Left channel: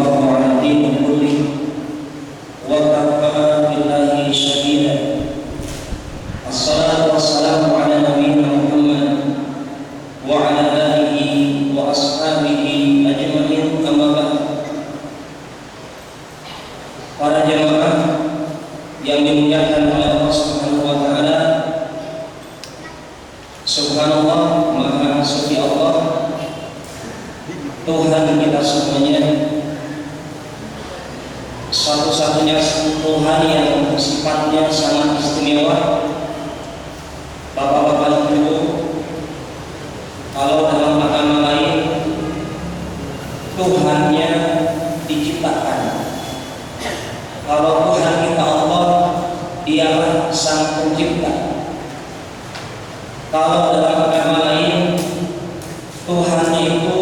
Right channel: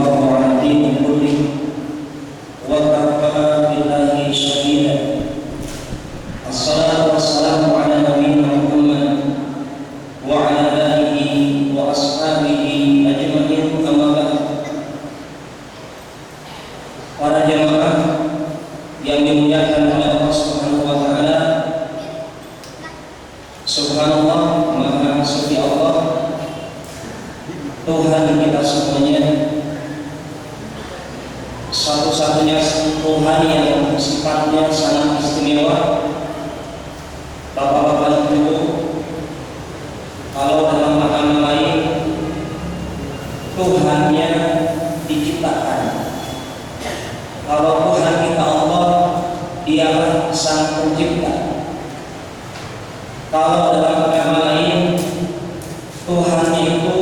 الله على الدين كله وكفى بالله شهيدا. الصلاة والسلام على نبينا محمد وعلى آله وأصحابه أجمعين. أما بعد. Para jemaah yang dimuliakan oleh Allah Subhanahu wa taala, subhanallah, maha suci Allah, Tuhan kita semuanya, satu-satunya Tuhan yang sifatnya sangat istimewa. Bapak-bapak ibu, kalau dalam agama lain Tuhannya diciptakan, kalau Tuhan kita Allah, Dialah Sang Pencipta. Kalau dalam agama lain Tuhannya itu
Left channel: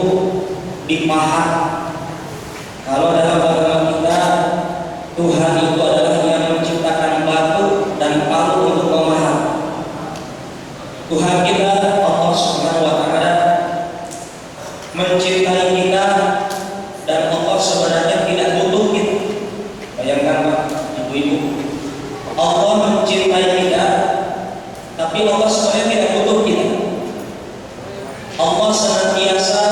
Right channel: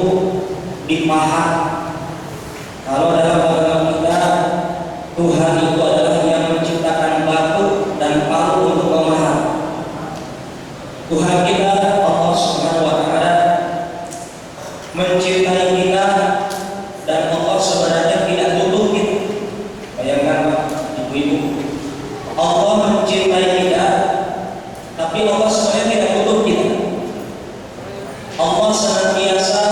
dipahat. Kalau dalam agama kita Tuhan itu adalah yang menciptakan batu dan palu untuk memahat. Tuhan kita Allah Subhanahu wa taala mencintai kita, dan Allah sebenarnya tidak butuh kita. Bayangkan Pak, ibu-ibu, Allah mencintai kita, tapi Allah sebenarnya tidak butuh kita. Allah senantiasa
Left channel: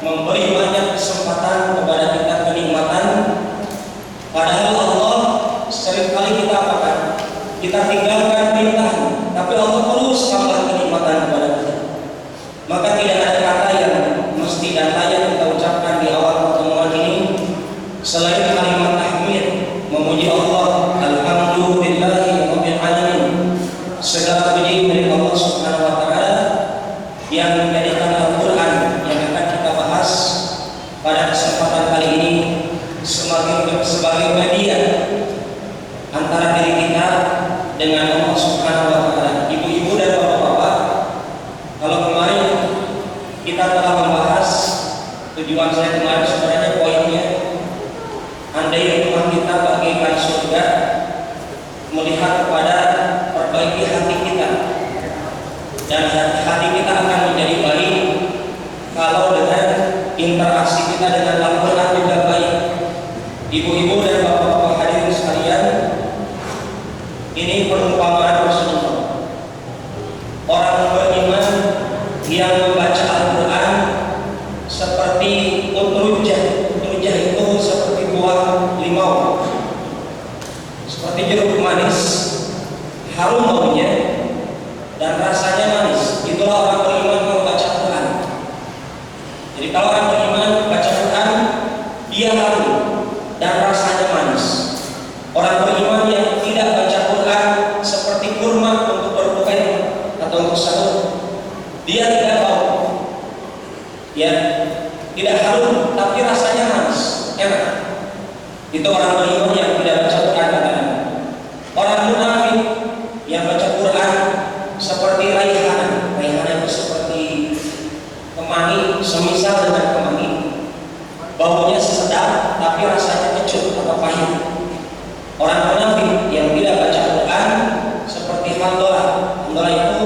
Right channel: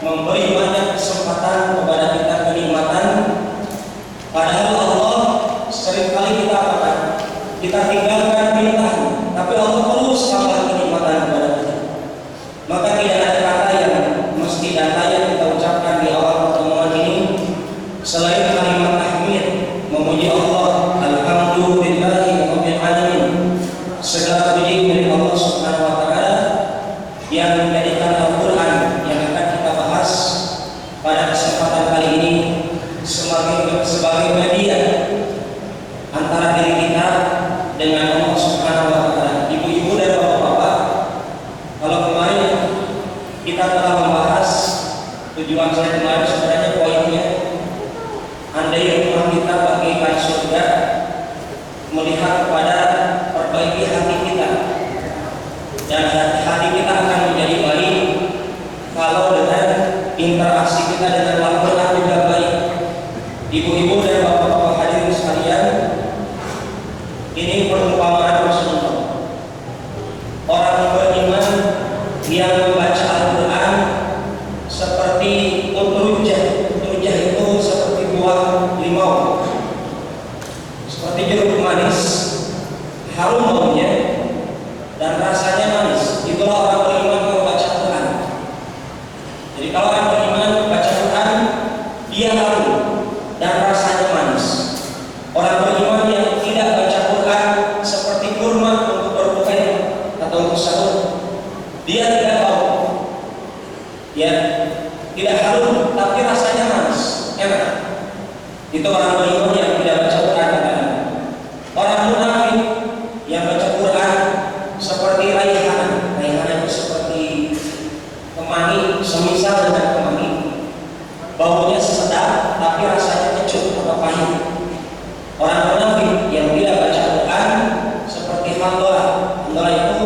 memberi banyak kesempatan kepada kita, kenikmatan. Padahal Allah seringkali kita apakan? Kita tinggalkan perintahnya, tapi Allah terus tambah kenikmatan kepada kita. Maka tidak ada kata yang mesti dan layak kita ucapkan di awal pertemuan ini selain kalimat tahmid, memuji Allah, alhamdulillahi rabbil alamin. Segala puji milik Allah Subhanahu wa taala yang menjadikan Al-Qur'an yang akan kita bahas pada kesempatan kali ini sebagai media antara diri kita dengan Allah Subhanahu wa taala. Ibu-ibu dan bapak-bapak, kalau kemarin kita telah membahas, tujuan saya kemarin sebenarnya poinnya, andai rumah kita bagaikan surga, melihat kepada perbaiki hati kita, dan hati kita akan menjadi baik kalau dengan interaksi kita dengan Al-Quran juga baik. Ibu-ibu dan bapak-bapak hadirin sekalian, ini perumpamaan Rasulullah. Orang beriman yang membaca Al-Quran seperti utrujah. Utrujah itu seperti buah limau, seperti jeruk manis, harum baunya dan rasanya manis. Itulah orang beriman membaca Al-Quran. Jadi kalau orang beriman membaca Al-Quran, dia harum dan rasanya manis. Orang beriman yang tidak baca Quran seperti kurma untuk berbuka atau untuk sahur, dia tidak bau, ya, tidak harum, tapi rasanya manis, enak. Itu orang beriman yang tidak baca Quran. Orang munafik yang baca Quran seperti raihan. Raihan itu seperti kemangi, semisal dengan kemangi, baunya sedap tapi rasanya kecut atau pahit. Orang munafik yang tidak baca Quran seperti handola. Handola itu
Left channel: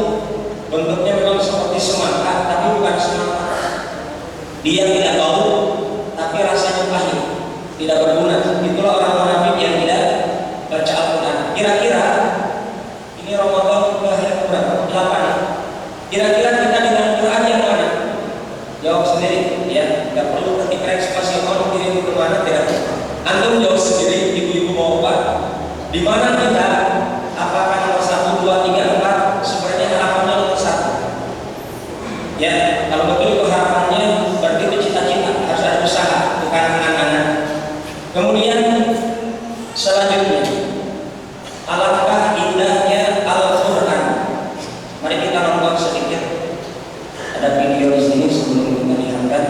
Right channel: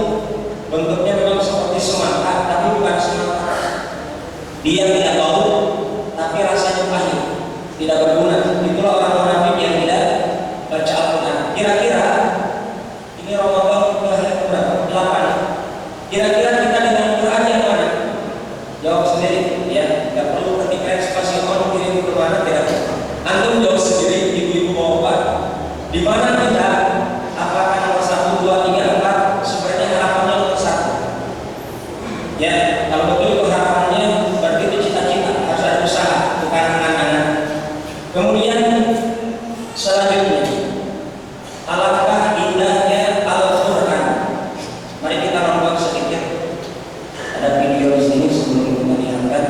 bentuknya memang seperti semangka, tapi bukan semangka. Dia tidak bau, tapi rasanya pahit, tidak berguna. Itulah orang munafik yang tidak baca Al-Quran. Kira-kira ini Ramadan hari berapa? 8. Kira-kira kita dengan Quran yang mana? Jawab sendiri, ya. Tidak perlu ketika spasi on kirim ke mana, tidak. Antum jawab sendiri, ibu-ibu bapak. Di mana kita? Apakah nomor 1, 2, 3, 4? Sebenarnya harapannya nomor 1. Ya, kalau betul itu harapannya, berarti itu cita-cita, harus ada usaha, bukan angan-angan. Kemudian selanjutnya, alangkah indahnya Al-Quran. Mari kita nonton sedikit. Ada video di sini sebelum kita lihatkan.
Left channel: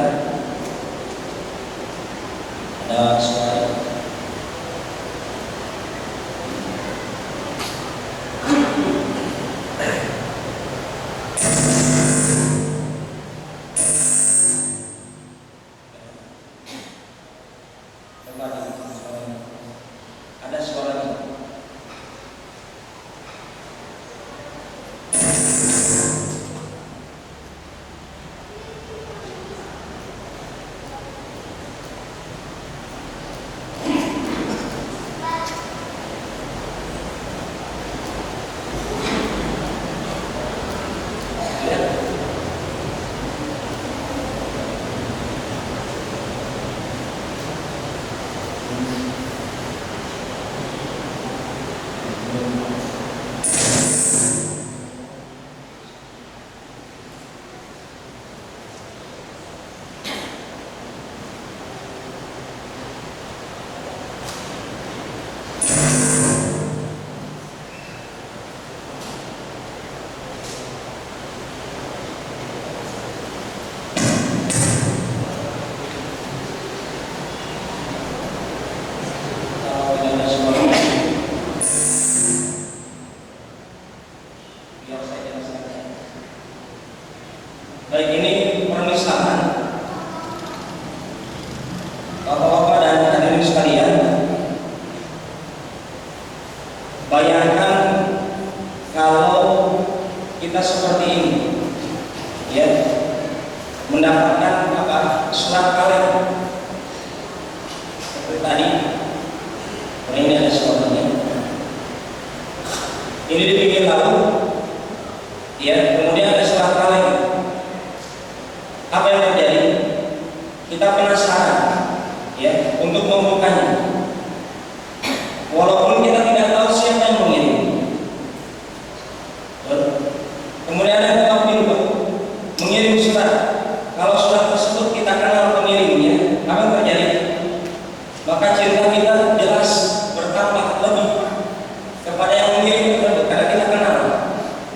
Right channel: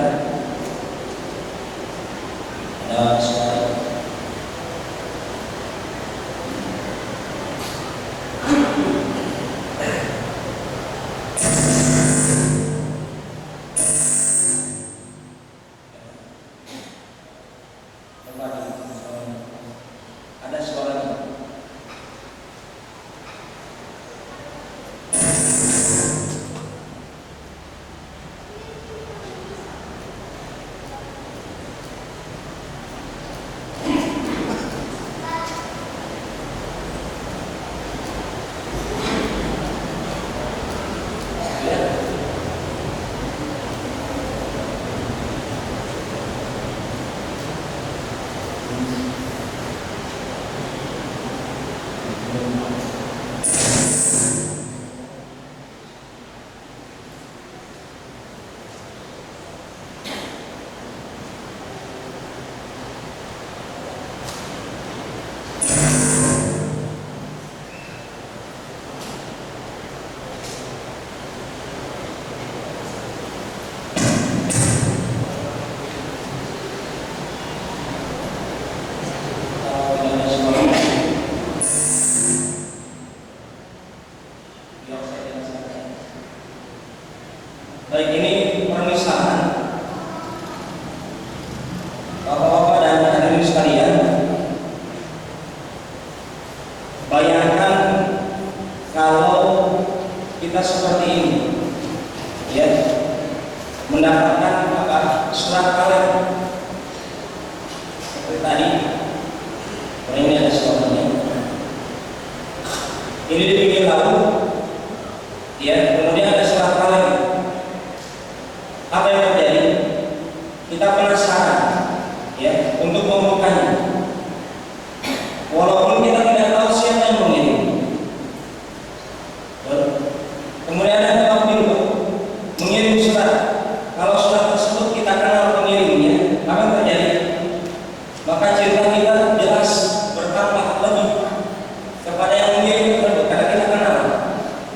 Ada suara. Ada suaranya. Surat Kalem. Seperti tadi, ini ada suratnya. Ini di pinggir laut. Ya, kemudian ada surat Kalem. Apa yang terjadi? Kita penasaran, ya, untuk membukanya. Walaupun kita tidak tahu siapa yang mengirim. Kemudian ada waktu mengirim surat. Kalau surat tersebut kita kenal pengirimnya, apa yang terjadi? Maka cerita kita jelas bertambah lebih kepada yang mengirim tersebut, karena kita kenal.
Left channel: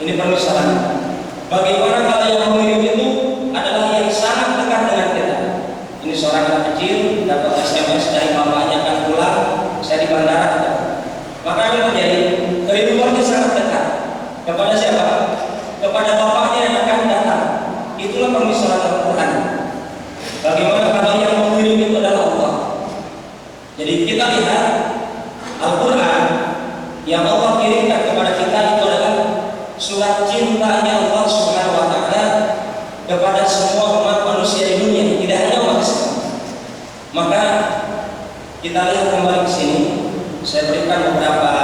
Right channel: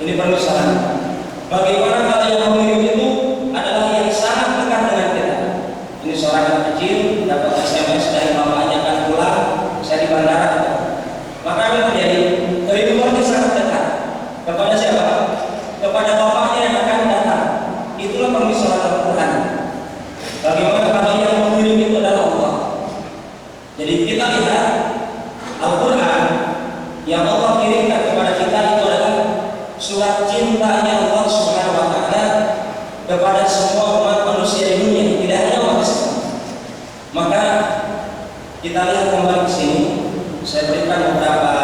Ini permisalan. Bagaimana kalau yang mengirim itu adalah yang sangat dekat dengan kita? Ini seorang anak kecil dapat SMS dari bapaknya akan pulang, saya di bandara. Maka apa yang terjadi? Kerinduannya sangat dekat. Kepada siapa? Kepada bapaknya yang akan datang. Itulah permisalan Al-Quran. Bagaimana kalau yang mengirim itu adalah Allah? Jadi kita lihat Al-Quran yang Allah kirimkan kepada kita itu adalah surat cintanya Allah Subhanahu wa Ta'ala kepada semua umat manusia di dunia, tidak hanya umat Islam. Maka kita lihat kembali ke sini. Saya berikan beberapa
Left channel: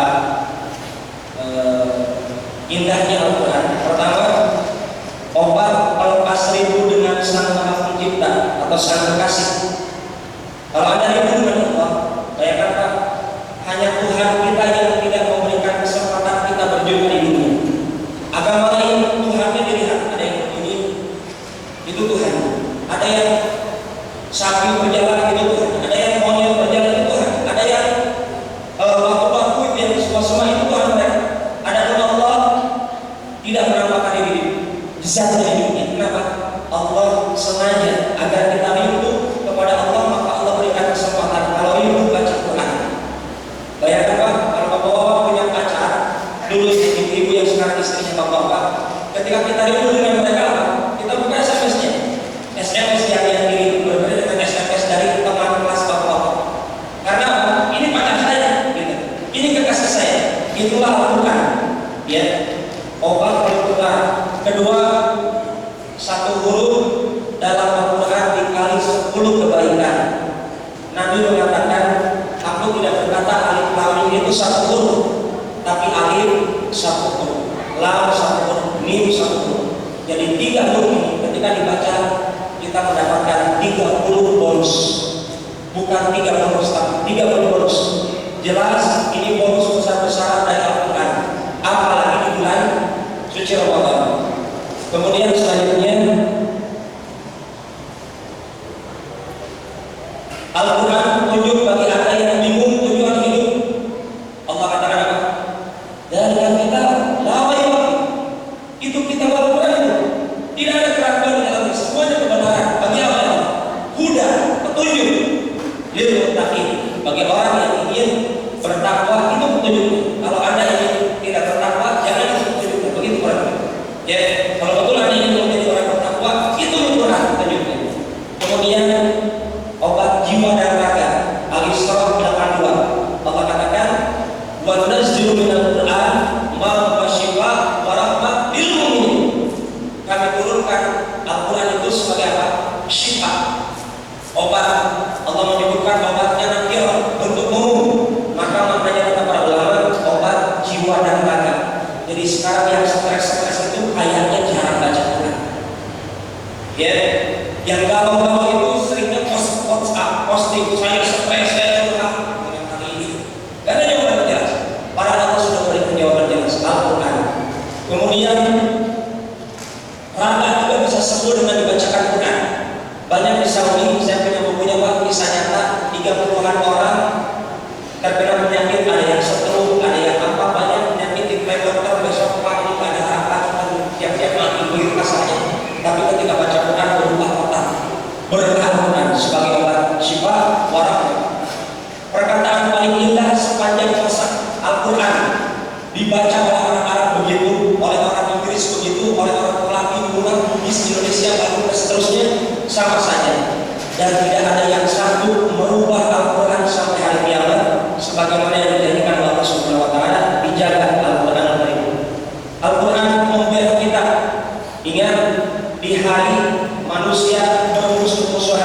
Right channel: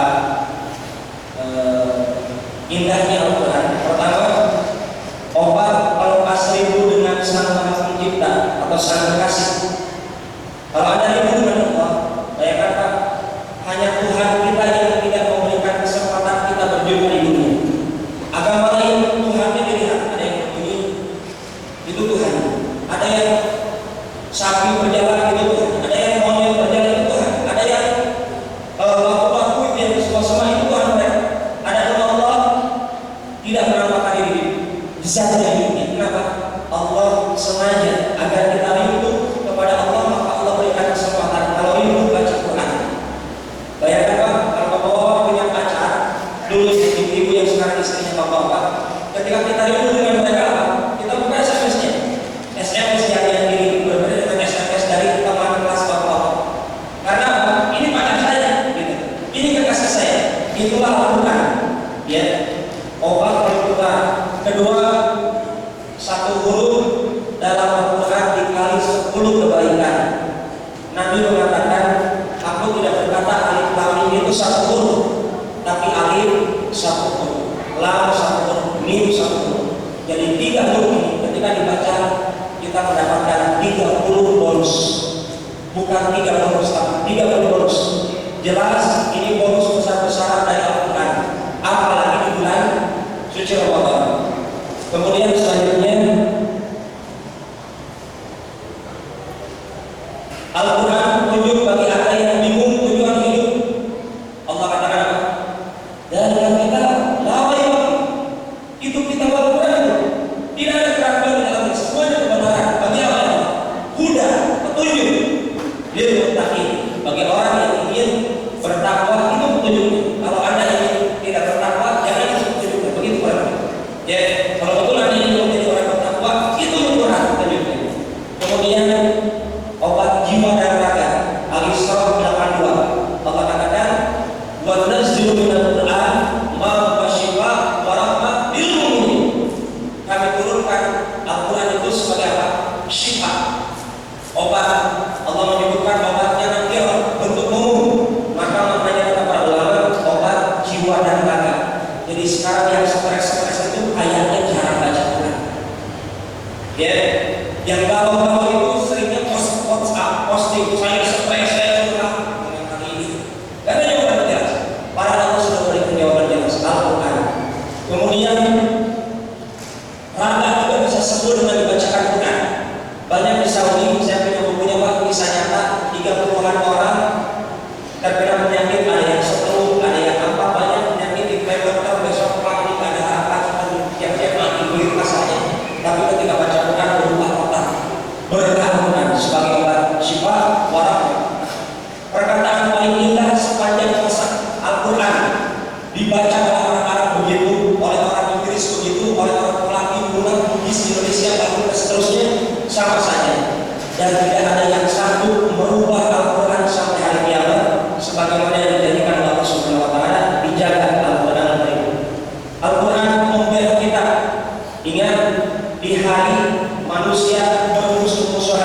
indahnya Al-Quran. Pertama, obat pelepas rindu dengan Sang Maha Pencipta atau Sang Kekasih. Kalau Anda rindu dengan Allah, bayangkan Pak, hanya Tuhan kita yang tidak memberikan kesempatan kita berjumpa di dunia. Agama lain Tuhannya dilihat, ada yang begini, itu Tuhan. Ada yang sapi berjalan, itu Tuhan. Ada yang monyet berjalan, itu Tuhan. Ada yang batu-batu yang semua itu Tuhan. Ada nama Allah tidak menampakkan diri di zatnya ini. Kenapa? Allah sengaja agar kita rindu kepada Allah, maka Allah berikan kesempatan. Kalau rindu baca Quran. Bayangkan Pak, kalau bapak-bapak punya pacar, dulu ibu yang sekarang istrinya bapak-bapak, ketika kita rindu dengan mereka, kita buka SMS-nya. SMS yang dikirim berbeda dengan SMS dari teman kelas bapak-bapak. Karena ini pacar saya, gitu. Ini kekasih saya. Itulah Al-Quran. Ya, obat Al-Quran. Kedua, satu huruf dalam Al-Quran dikali 10 kebaikan. Nabi mengatakan, aku tidak berkata alif lam mim itu satu huruf, tapi alif satu huruf, lam satu huruf, mim satu huruf. Jadi 3 huruf ini ketika dibaca kita mendapatkan 30 bonus. Bukan 3 bonus, tapi 30 bonus. Jelas ini bonus besar-besaran dari Al-Quran. Apalagi di bulan suci Ramadan. Kemudian selanjutnya Al-Quran petunjuk bagi Anda yang bingung tujuan hidup. Allah katakan apa? Dan kita lawai itu kita Al-Quran itu tidak ada keraguan di dalamnya, semuanya kebenaran. Bagi apa? Huda, petunjuk. Lil muttaqin, bagi orang yang ingin bertakwa itu petunjuknya. Kalau Anda ingin tidak bertakwa, jangan itu petunjuknya. Begitu orang. Ya, kalau betul Anda ingin menjadi orang bertakwa, itu Al-Quran petunjuknya. Kemudian obat jiwa dan raga. Al-Isra 82. Allah katakan, "Wa nunazzilu minal Qur'an ma huwa shifaa wa rahmah lil mu'minin." Kami turunkan Al-Quran itu sebagai apa? Syifa. Obat. Allah menyebutkan obatnya nanti bentuk umum. Maka maknanya kata para ulama obat jiwa dan raga. Jadi sekarang yang stres itu kayaknya jarang baca Quran. Ya, yang galau-galau itu seringnya posting saya stres, saya curhat dengan hari ini. Gak ada jawaban jelas. Para Allah sudah berikan jawaban jelas Al-Quran. Kemudian raga juga bisa sembuh dengan dibacakan Quran. Banyak di Saudi, saya punya bukunya Pak, kisah nyata 30-an orang terkena penyakit, ada yang stroke, ada yang apa, banyak penyakit di dokter besok Pak ini ada apa, siap-siap lagi begitu kasarnya. Tapi ketika baca Quran berubah total. Berkah Quran sebagai obat syifa warahmah. Perkataan paling indah sepanjang masa Al-Quran dibaca oleh orang Arab begitu, oleh orang Inggris begitu, oleh orang Melayu, Bulan, Bugis, Indonesia, dan seterusnya sama saja. Dan tidak ada yang sanggup merubah Al-Quran sampai hari kiamat sebagaimana yang dijadikan Allah Subhanahu wa Ta'ala. Dijaga Al-Quran Al-Karim. Al-Quran membela kita. Ingat, di hari manusia bermusuh-musuhan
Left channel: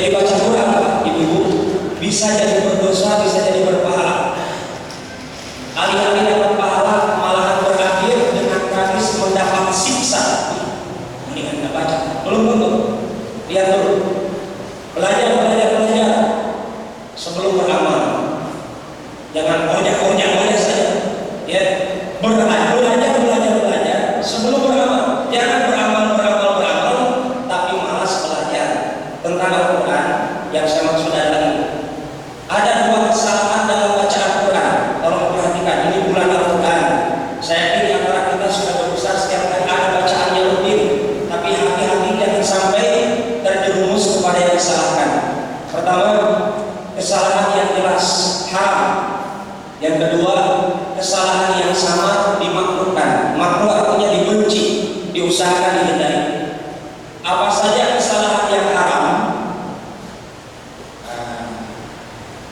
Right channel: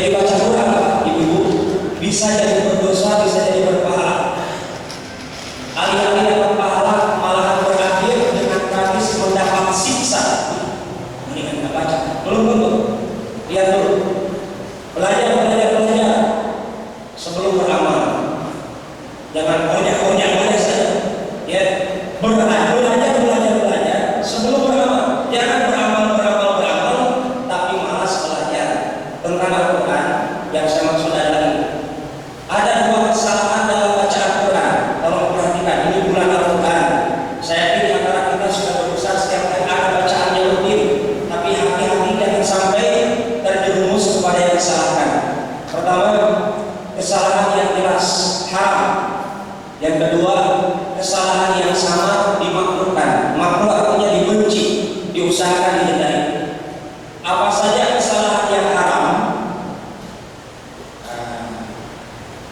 Jadi baca Quran, ibu-ibu, bisa jadi berdosa, bisa jadi berpahala. Alih-alih dapat pahala, malahan berakhir dengan tragis mendapat siksa. Ini kan tidak baca, belum tentu. Lihat dulu, belajar sebelum beramal. Jangan banyak saja. Ya, belajar sebelum beramal. Jangan beramal, tapi malas belajar tentang Al-Quran. Yang saya maksud adalah ini. Ada dua kesalahan dalam bacaan Quran. Tolong perhatikan, ini bulan Al-Quran. Saya yakin antara kita sudah berusaha setiap kali ada bacaan yang rutin, tapi hati-hati jangan sampai terjerumus kepada yang disalahkan. Pertama, kesalahan yang jelas haram. Yang kedua, kesalahan yang sama dimakruhkan. Makruh artinya dibenci, diusahakan dihindari. Apa saja kesalahan yang haram?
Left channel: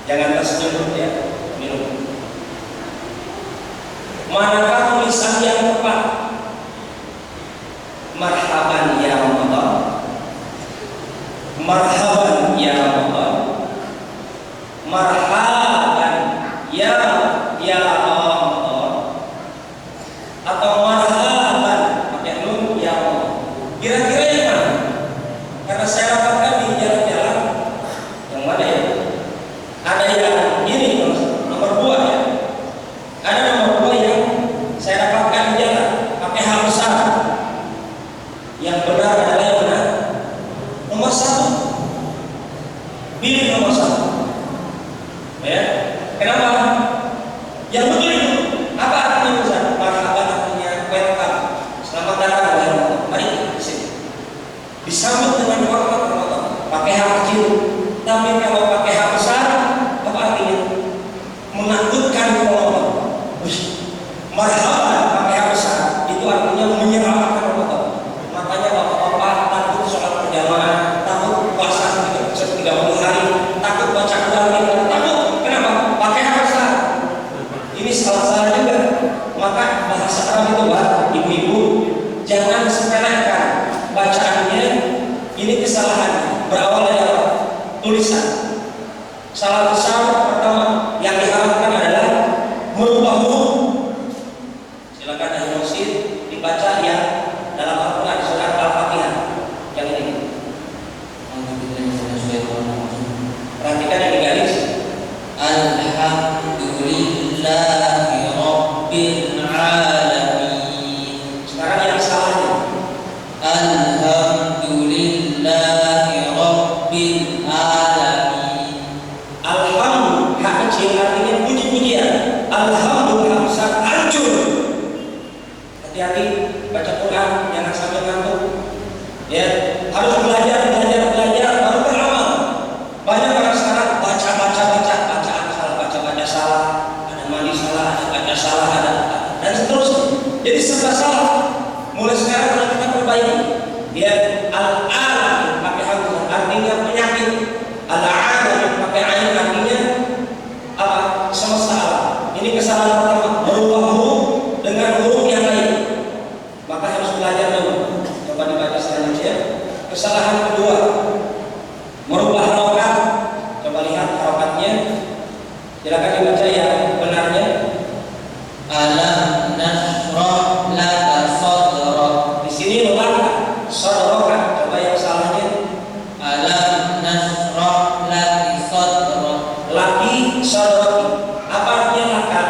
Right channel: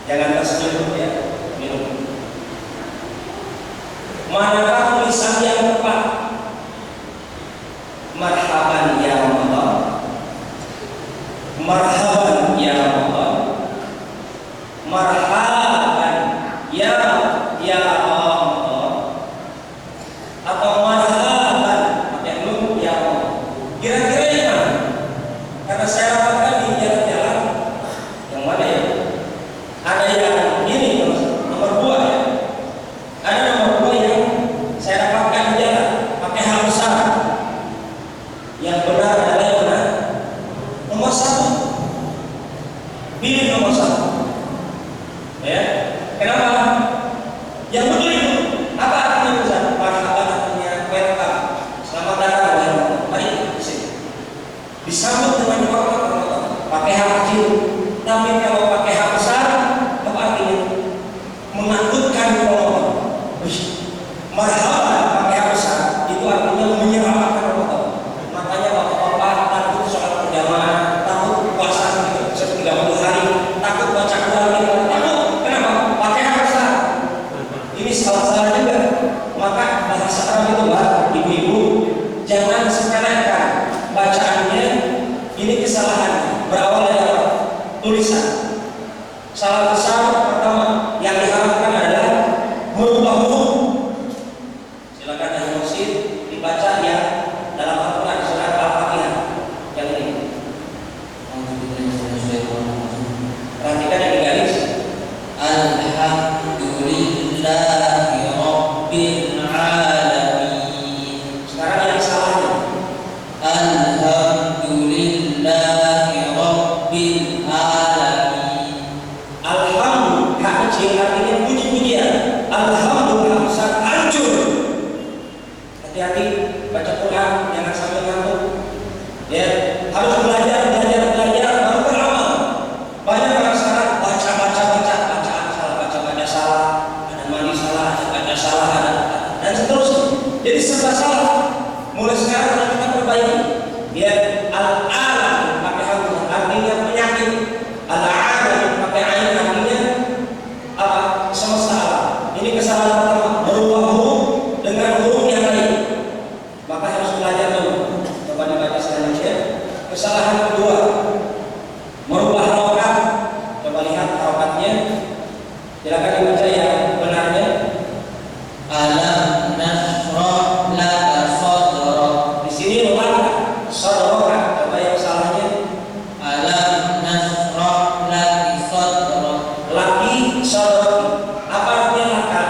Jangan tersenyum ya, minum. Manakah tulisan yang tepat? Marhaban ya Ramadan. Marhaban ya Ramadan. Marhaban ya Ramadan. Atau marhaban pakai nun ya Ramadan. Kira-kira yang mana? Karena saya dapatkan di jalan-jalan yang mana ya? Ada yang ini nomor 2 ya. Ada nomor 2 yang saya dapatkan di jalan pakai hal besar. Yang benar adalah yang mana? Nomor 1. Pilih nomor 1. Ya. Kenapa? Yang betul itu apa artinya besar? Marhaban artinya welcome. Selamat datang welcome. Mari di sini. Disambut dengan hormat pakai hal kecil. Tapi kalau pakai hal besar, apa artinya? Menakutkan Allah. Marhaban pakai hal besar itu artinya menyelamatkan Allah. Makanya bapak-bapak takut sholat berjamaah, takut puasa 30 hari, takut baca Quran, takut. Kenapa? Pakai hal besar. Ini salah juga. Maka bahasa Arab itu ibu-ibu jangan sepelekan bacaannya. Ini kesalahan berawal dari apa? Tulisan. Salah besar pertama yang diharapkan adalah merubah huruf. Silakan dari masjid dibaca yang dalam Al-Quran surat Al-Fatihah yang ini. Perhatikan yang digaris. Alhamdulillahi Rabbil Alamin. Sekarang yang salahnya. Alhamdulillahi Rabbil Alamin. Alhamdulillah, hak kecil artinya puji-pujian. Alhamdulillah besar hancur. Hati-hati baca Quran, jangan sampai ngantuk. Ya, harus belajar baru beramal. Banyak orang sekarang bacaan salah, ada mandi salah, ada baca salah, dan seterusnya. Jadi serba salah. Mulai sekarang harus kita perbaiki. Ya, al-alam pakai hamzah artinya penyakit. Al-alam pakai ain artinya apa? Semesta alam. Ini kesalahan pertama, merubah huruf dengan huruf yang lain. Maka harus belajar dulu. Coba dibaca selanjutnya. Kesalahan kedua, merubah harokat. Coba lihat harokatnya. Silakan dibaca yang benarnya. Alam nashrah laka sadrak. Di sini laka sadrak. Coba yang salahnya. Alam nashrah laki sadrak. Laki sadrak. Apa artinya laka?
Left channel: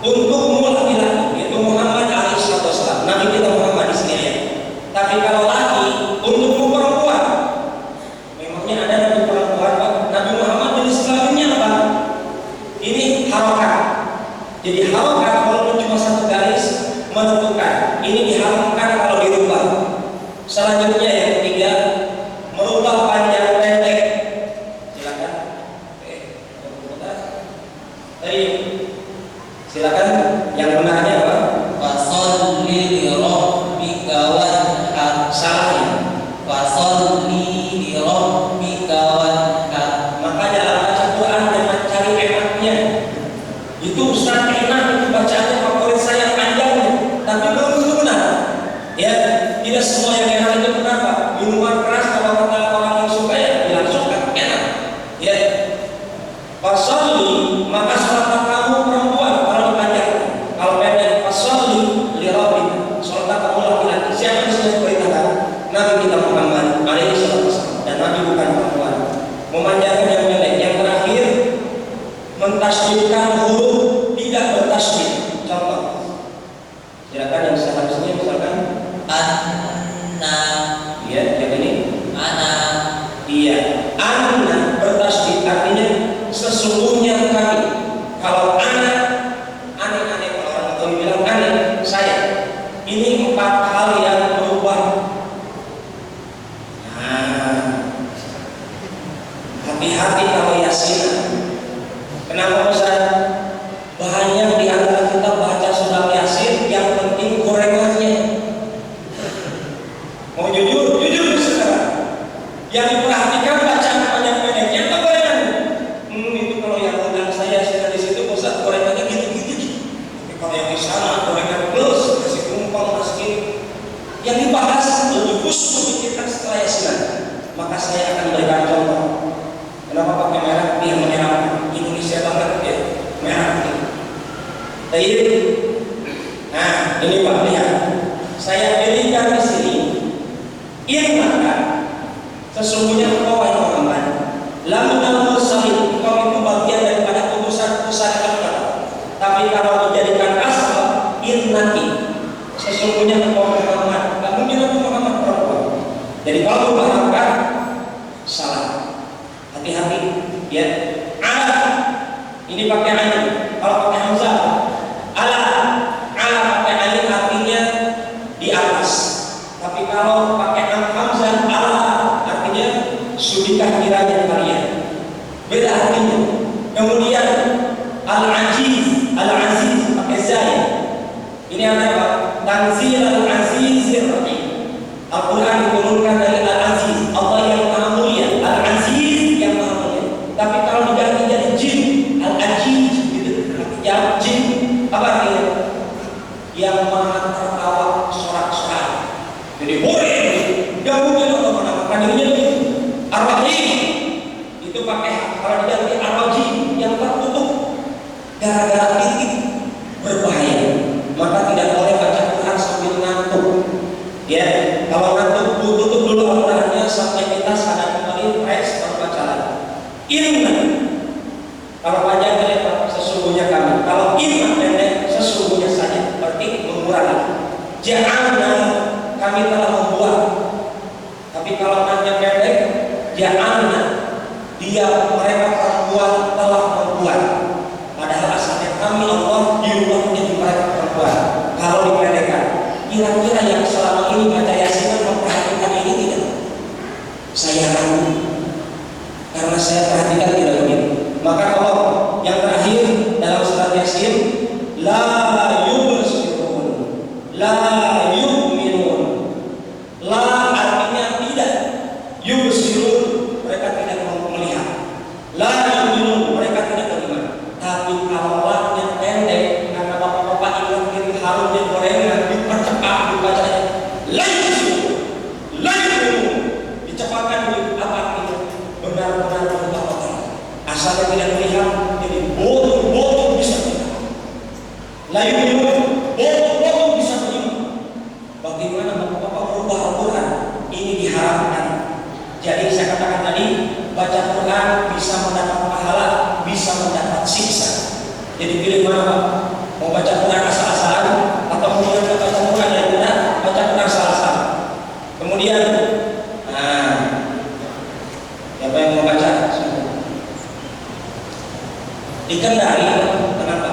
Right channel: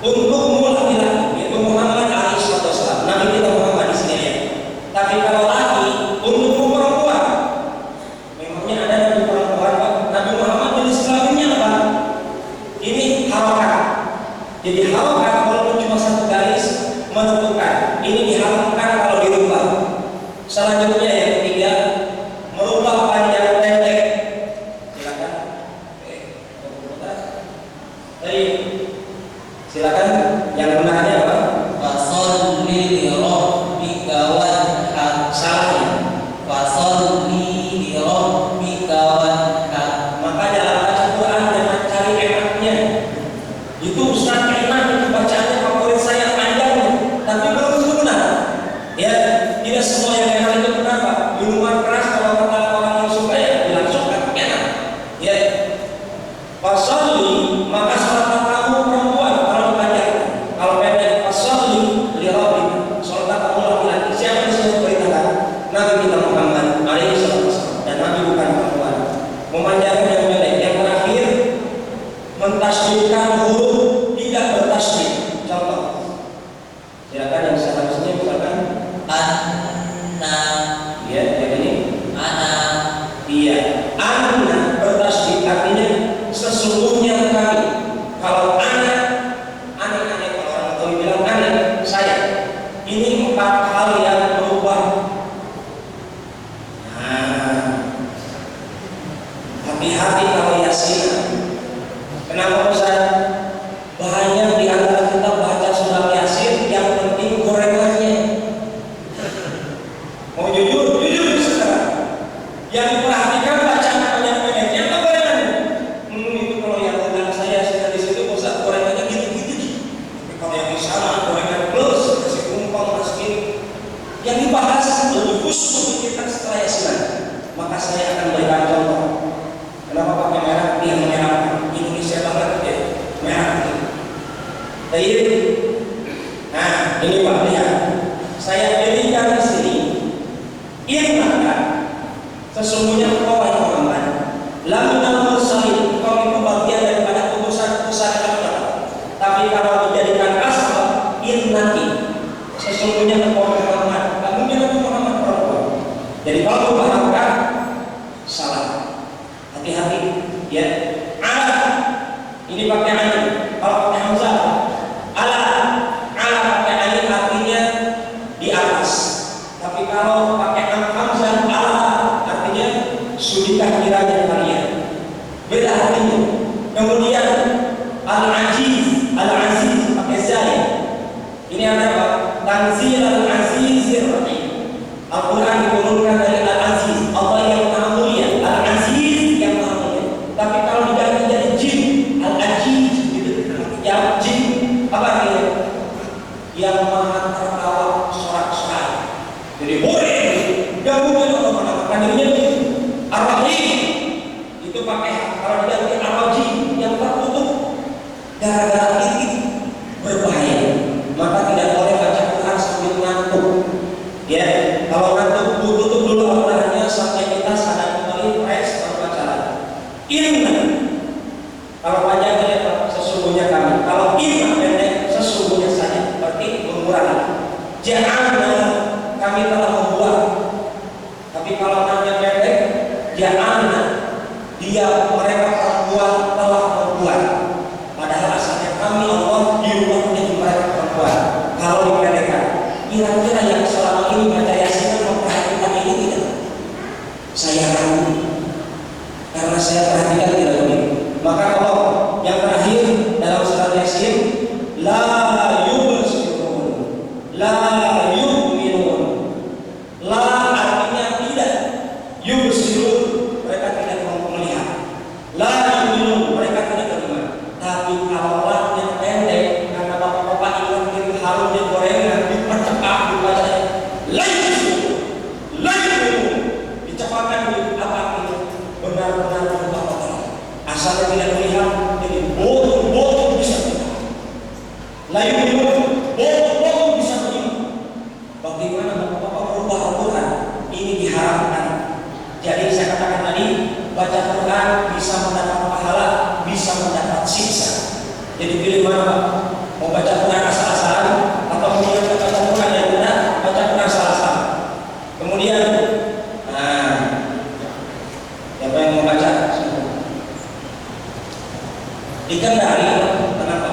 Untukmu laki-laki, yaitu Muhammad alaihissalam. Nabi kita Muhammad di sini ya. Tapi kalau laki, untukmu perempuan. Memangnya ada nabi perempuan, Pak? Nabi Muhammad jenis kelaminnya apa? Ini harokat. Jadi harokat walaupun cuma satu garis menentukan. Ini diharamkan kalau dirubah. Selanjutnya yang ketiga, merubah panjang pendek. Silakan. Silakan yang benarnya apa? Fasholli li rabbika wanhar. Salahnya. Fasholli li rabbika wanhar. Maka dalam baca Quran jangan cari enaknya. Itu Ustaz enak itu bacaannya favorit saya panjangnya, tapi belum tentu benar. Ya, tidak semua yang enak itu benar, Pak. Minuman keras kalau kata orang yang suka ya bilang suka, Ini 4 hal yang berubah. Nah, hati-hati kalau Yasin. Kenapa Ustaz? Banyak di antara kita baca surat Yasin, yang penting gorengannya. Mau jujur sekarang. Yang diperhatikan bacaan pendek-pendeknya atau gorengannya? Itu kalau yang undang saya di situ Ustaz, gorengannya gitu-gitu. Tapi kalau yang di sana gorengan plus, kasih kumpang meski. Yang dibahas lebih khusus untuk kita setelah Yasin. Maka saya akan berikan contoh. Kenapa pakai merah? Biar menyerap Indonesia banget ya, merah itu. Baik. Nah, ini Pak lihat. Saya pilihkan di sini. Innaka sesungguhnya engkau wahai Muhammad, laminal mursalin, engkau itu bagian daripada utusan-utusan Allah. Tapi kalau dijadikan asal, innaki sesungguhnya engkau Muhammad, enggak mungkin aku Muhammad perempuan. Jadi kalau bahkan salah. Hati-hati ya. Ala ini pakai alif. Kalau pakai hamzah ala pakai alif artinya di atas. Tapi kalau pakai hamzah ala artinya sudikah kiranya kalian. Beda artinya. Kemudian al-aziz pakai zai. Ini apa? Tanzil al-azizir rahim. Al-Quran diturunkan dari al-aziz, Allah yang maha mulia, al-aziz yang maha mulia. Tapi kalau diganti jadi jin, al-aziz gitu, yang jin apa artinya? Yang maha tertawa sorak-sorak. Jadi boleh, gak mungkin Allah menamakan dirinya begitu. Ar-Rahim itu pakai kalau diganti ar-Rajim yang tertutup gara-gara titik berbahaya. Maka tidak boleh baca Quran sambil ngantuk. Ya, kalau ngantuk tutup dulu Al-Qurannya sampai kita sadar kembali, fresh baru baca lagi. Inna, kalau panjang lebar sesungguhnya kami. Kalau inna pendek sesungguhnya saja, berarti mengurangi. Ja'alna kami telah membuat. Tapi kalau panjang pendek, ja'alna dia mereka perempuan telah membuat. Padahal asalnya kami Allah diubah menjadi mereka perempuan. Kalau dipendekkan, kira-kira yang selama ini baca Yasin memperhatikan ini tidak? Saya ragu. Karena saya perhatikan tidak begitu. Maka kalau yang terakhir dalam surat Yasin, la yubsirun, la yu'minun. La artinya tidak, yubsirun mereka tidak mau melihat. La yu'minun mereka tidak beriman. Tapi kalau yang pendek, karena bapak-bapak ingat diri harumnya gorengan dipercepat dibacanya. Lain dicepatkan apa ini? Benar-benar berubah. Asalnya tidak melihat, jadi bodoh bisa melihat. Lain bodoh bisa melihat. Bagaimana bapak-bapak berubah Al-Quran? Ini diharapkan. Jadi saya katakan tadi, baca Quran bisa mendapat pahala, bisa mendapat siksa. Jadi pilih mana Pak? Mau baca Quran asal-asalan atau kemudian baca Quran yang benar, baca Quran asal-asalan. Kemudian, siapa yang mau baca? Di Kendari, kenapa?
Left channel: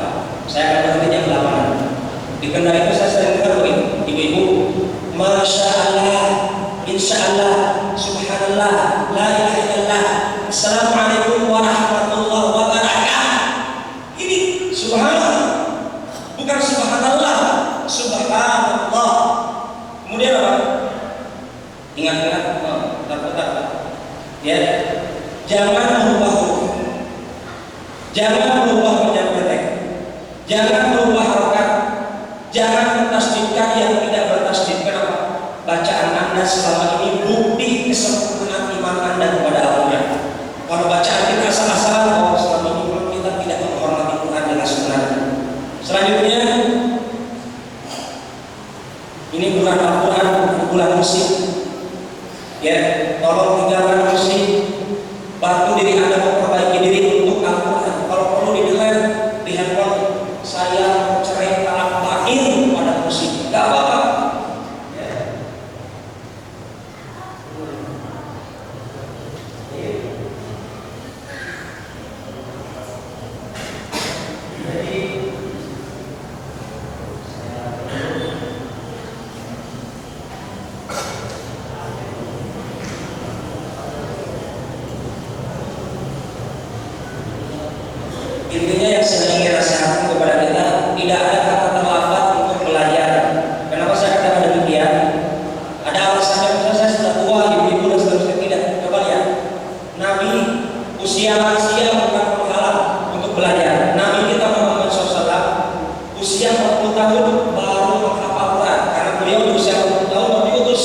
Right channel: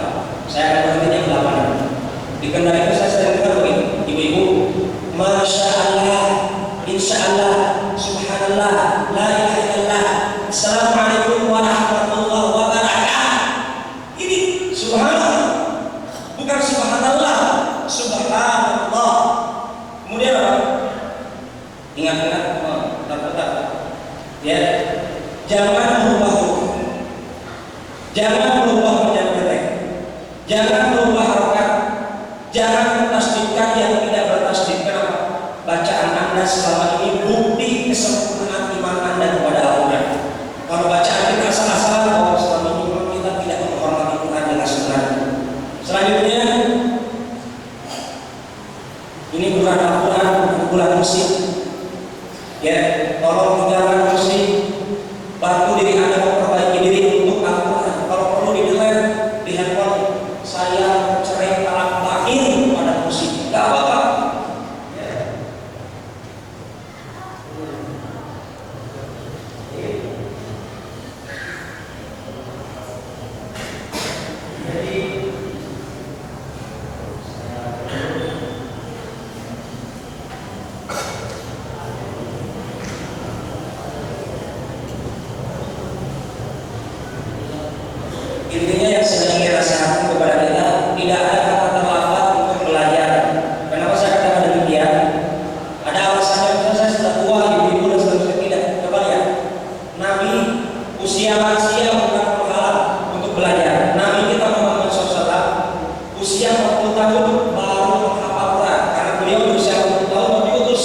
Saya akan berhenti jam 8. Di Kendari itu saya sering dengar begini, ibu-ibu, Masya Allah, Insya Allah, Subhanallah, La ilaha illallah, Assalamualaikum warahmatullahi wabarakatuh. Ini Subhanallah, bukan Subhanallah, Subhanallah. Kemudian apa? Ingat-ingat, bentar. Ya, jangan merubah huruf, jangan merubah panjang pendek, jangan merubah harokat, jangan tasdidkan yang tidak bertasdid. Kenapa? Bacaan Anda selama ini bukti kesempurnaan iman Anda kepada Allah. Kalau bacaan kita asal-asalan, selama ini kita tidak menghormati Tuhan dengan sebenarnya. Selanjutnya, ini bukan Al-Quran, bukan musik. Ya, tolong tinggalkan musik. Bantu diri Anda memperbaiki diri untuk Al-Quran. Kalau perlu di-delete di handphone, saya cerai talak bahin pada musik. Gak apa-apa. berusia 40 tahun baru menghafal Quran, karena beliau berusia 40 tahun baru diutus.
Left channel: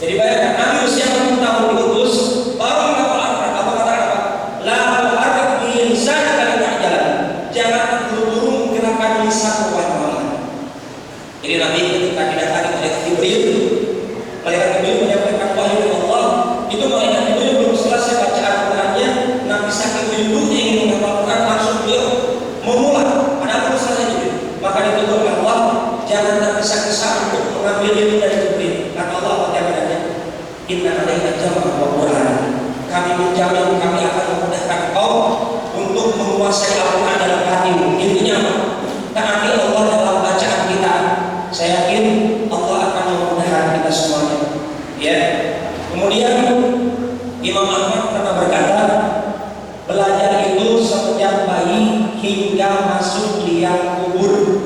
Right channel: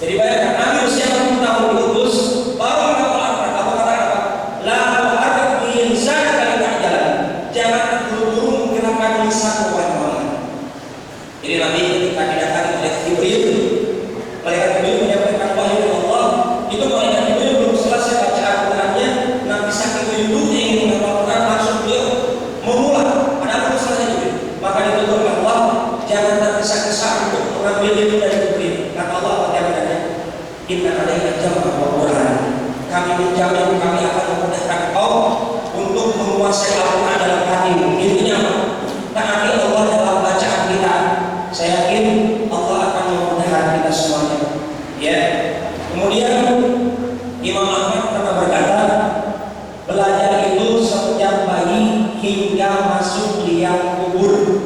Jadi bayangkan, Nabi usia 40 tahun diutus baru menghafal Al-Quran. Apa kata apa? La tuharrik bihi lisanaka lita'jala. Jangan terburu-buru menggerakkan lisan Muhammad. Jadi Nabi ketika didatangi oleh Jibril, malaikat Jibril menyampaikan wahyu dari Allah, itu malaikat Jibril belum selesai baca Al-Qurannya, Nabi saking rindunya ingin menghafal Quran, langsung beliau memulai. Padahal belum selesai Jibril. Maka ditutur oleh Allah, jangan tergesa-gesa untuk mengambil ilmu dari Jibril. Kata Allah apa jaminannya? Inna alaina jam'a wa Qur'an. Kami menjamin kami akan memudahkan kau untuk menguasai Al-Quran dalam hatimu. Intinya apa? Taati Allah dalam bacaan kita. Saya yakin Allah akan memudahkan kita semuanya. Ya. Kemudian Imam Ahmad pernah berkata, belajar itu sejak bayi hingga masuk liang kubur.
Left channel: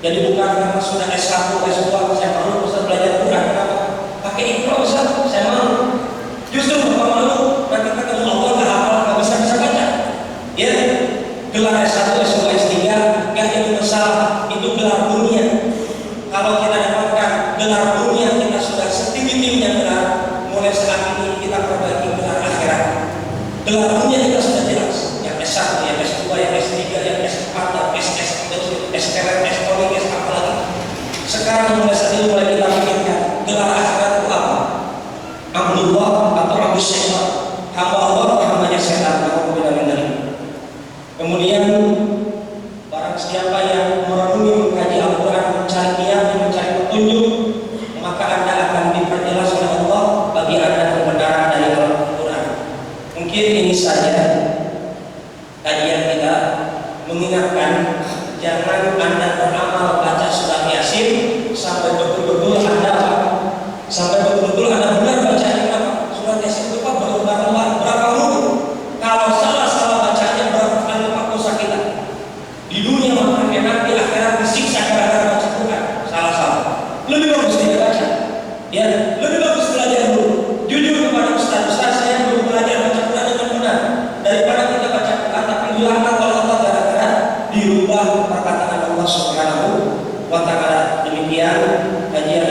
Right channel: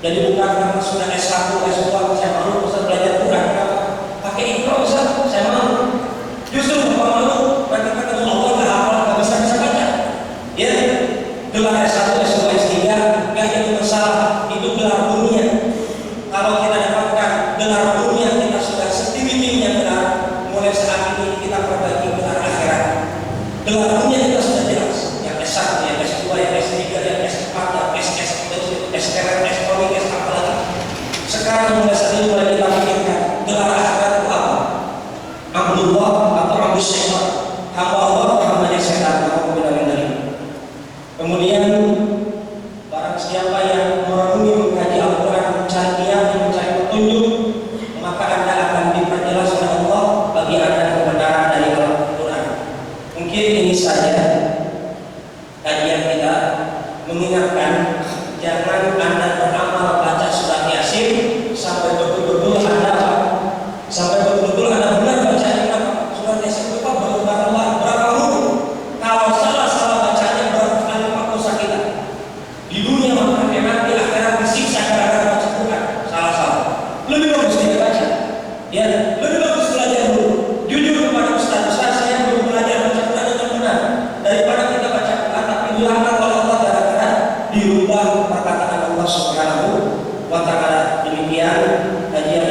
Jadi bukan karena sudah S1, S2 saya malu Ustaz belajar Quran. Kenapa? Pakai Iqra Ustaz, saya malu. Justru bukan malu, nanti ketemu Allah nggak hafal, nggak bisa baca. Ya, gelar S1, S2, S3 nggak jadi masalah, itu gelar dunia. Kalau kita dapatkan gelar dunia, kita sudah setinggi-tingginya gelar. Mulai saat ini kita perbaiki gelar akhirat. Gelar dunia kita sudah jelas, yang S1, yang S2, yang S3, yang S4, yang SS, SKM, S-Polri, S apa lagi. Sekarang mulai saat ini mulai kita pikirkan gelar akhirat itu apa? Abdullah atau Abu Syaitan, hamba Allah atau hambanya setan. Kemudian barang siapa yang merenungi mengkaji Al-Quran, mencari niat, mencari petunjuk, maka Anda akan diperjelas oleh Allah bagi Anda kebenaran dari Al-Quran. Mungkin ini saja kajian kita, mengingatkan jangan Anda beramal baca surat Yasin sampai betul-betul Anda benar bacanya surat Yasin itu berapa huruf. Kalau salah bacanya berapa kali dosa kita di dunia, maka nanti akhirat disiksa karena baca Quran salah. Lebih bagus tidak baca. Ya, lebih bagus belajar dulu. Jujur kepada Ustaz, saya belum belajar baca Quran dengan benar. Daripada kita baca Quran tapi dilarang oleh Allah gara-gara dirubah perkataan Allah Subhanahu wa ta'ala. Demikian kajian